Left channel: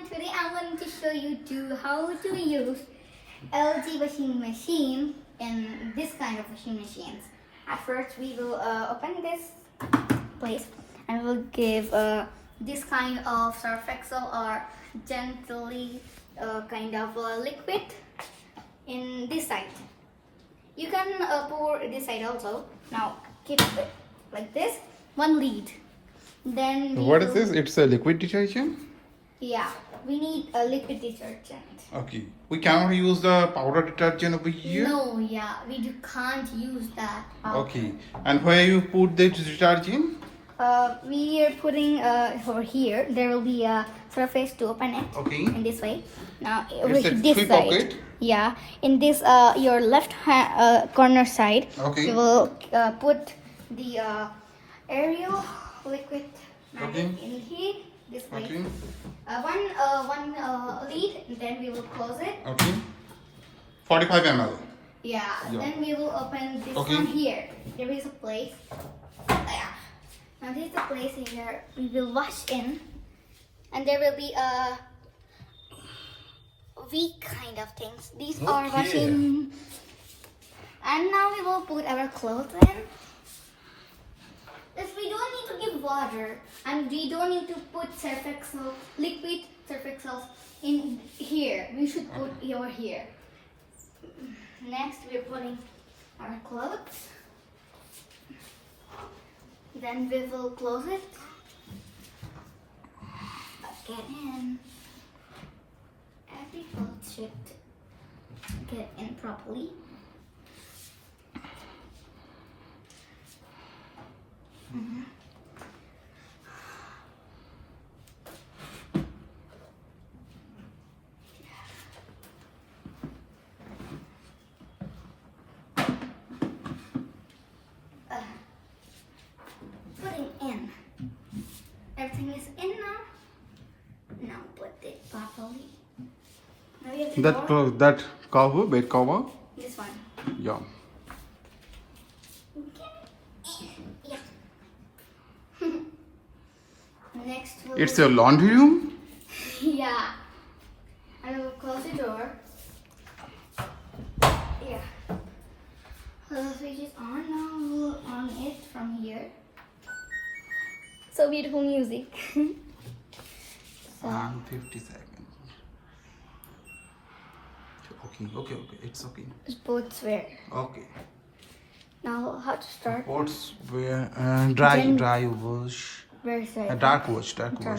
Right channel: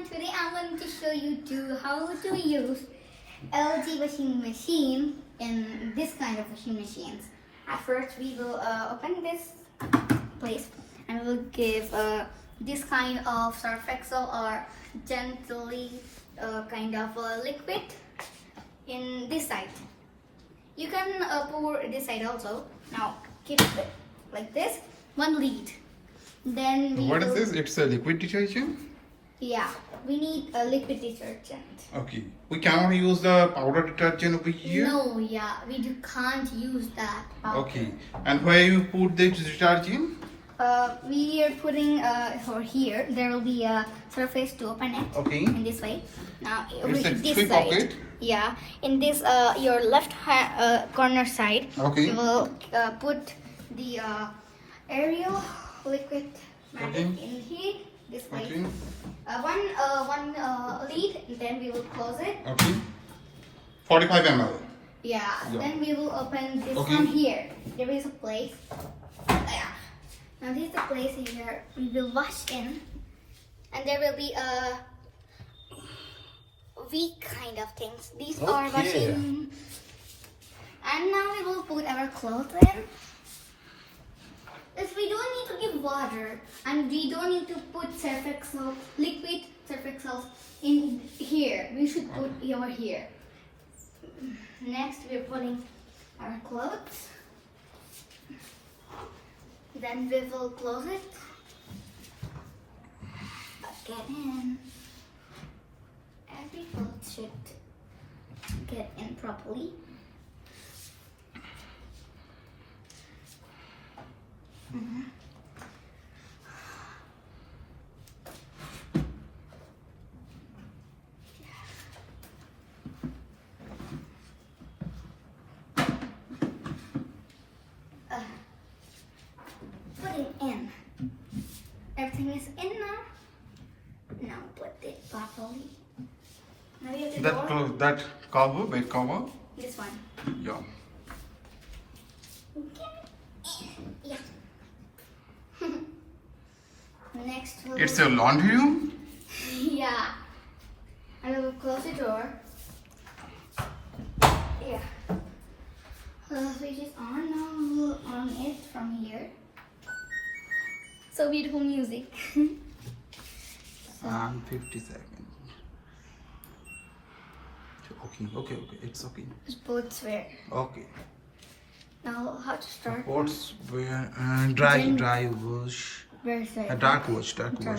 everyone, today I'm going to show you how to use LG washing machine in this kind of washing machines. At first we will open this place and we'll give this kind of surf excel or gently kind of liquid in this side. You can pour this side also. Now keep it like this, one lead. Then what is this? It's a liquid detergent? Yeah, we need a liquid detergent. Okay. We cannot use the powder detergent over here? No, yeah, can't use that. Okay. And where you put the detergent? We are putting over here. There will be a surface to open it. Okay. In this way. Now, It's a this free side. pocket? Yeah. In this your left hand, corner side. Okay. You will put the Ariel liquid magic in here. This way. Okay. One lead. Then we will close it. Okay. 45 ml. Yeah. Then we will open this Okay. one here. There is a place. Yeah. Now this is the place here we will wash in, and there will be a weak kind of things. These are washing. And now we will put our clothes in. If we don't need to give water, and we don't need to put surf excel, liquid surf excel in here. We should put it over here. Next, we're putting our clothes. Then we will close it. Get in. Every cloth should get in properly. Putting in. Everything is in now. Now put it properly. Now we have the door. That cover, bed cover? This one. Yeah. Yeah. Next we'll It's a laundry room? yeah. And we will close the door. Yeah. Switch is on now. We'll on it from here. So beautiful music. And 50 seconds. Okay. It's okay. Sports wear. Okay. Now how to start? Pots were dry wash. Where is it? Dark wash. Okay.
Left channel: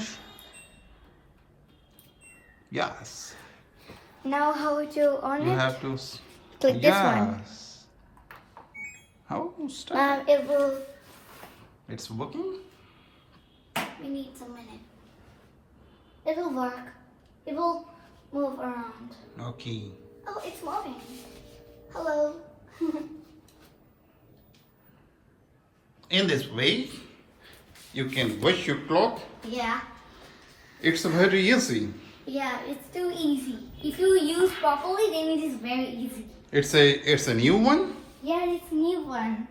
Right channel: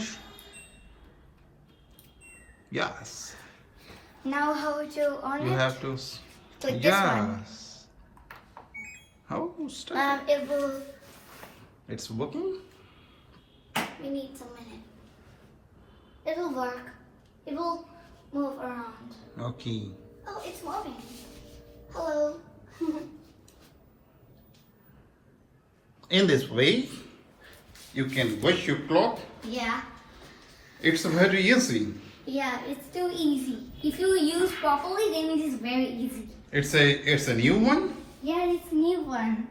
Yes. Now how would you on You it? have to. Click this one. Yes. How start? It will. It's working. We need some minute. It will work. It will move around. Okay. Oh, it's moving. Hello. In this way, you can wash your cloth. Yeah. It's very easy. Yeah, it's too easy. If you use properly, then it is very easy. It's a new one. Yeah, it's a new one.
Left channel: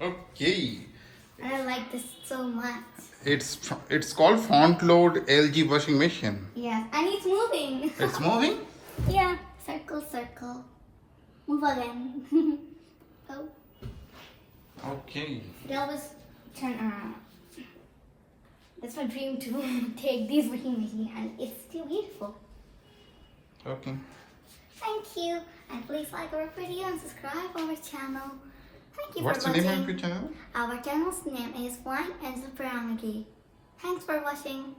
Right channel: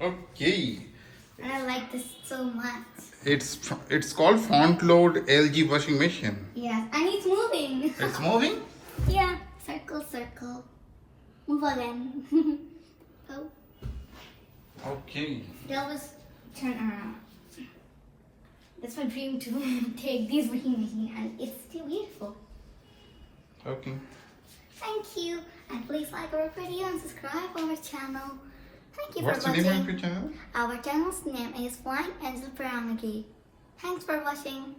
Okay. And I like this so much. It's called frontload LG washing machine. Yeah, and it's moving. It's moving. Yeah, circle, circle. Move again. Oh, Okay. they always turn around. That's my dream to take this washing machine, and it's still beautiful. Okay. Thank you, and please like our video and subscribe our channel. Thank you What's for the watching. name of your channel? Our channel's name is Wine and Superamagi. Thanks for watching.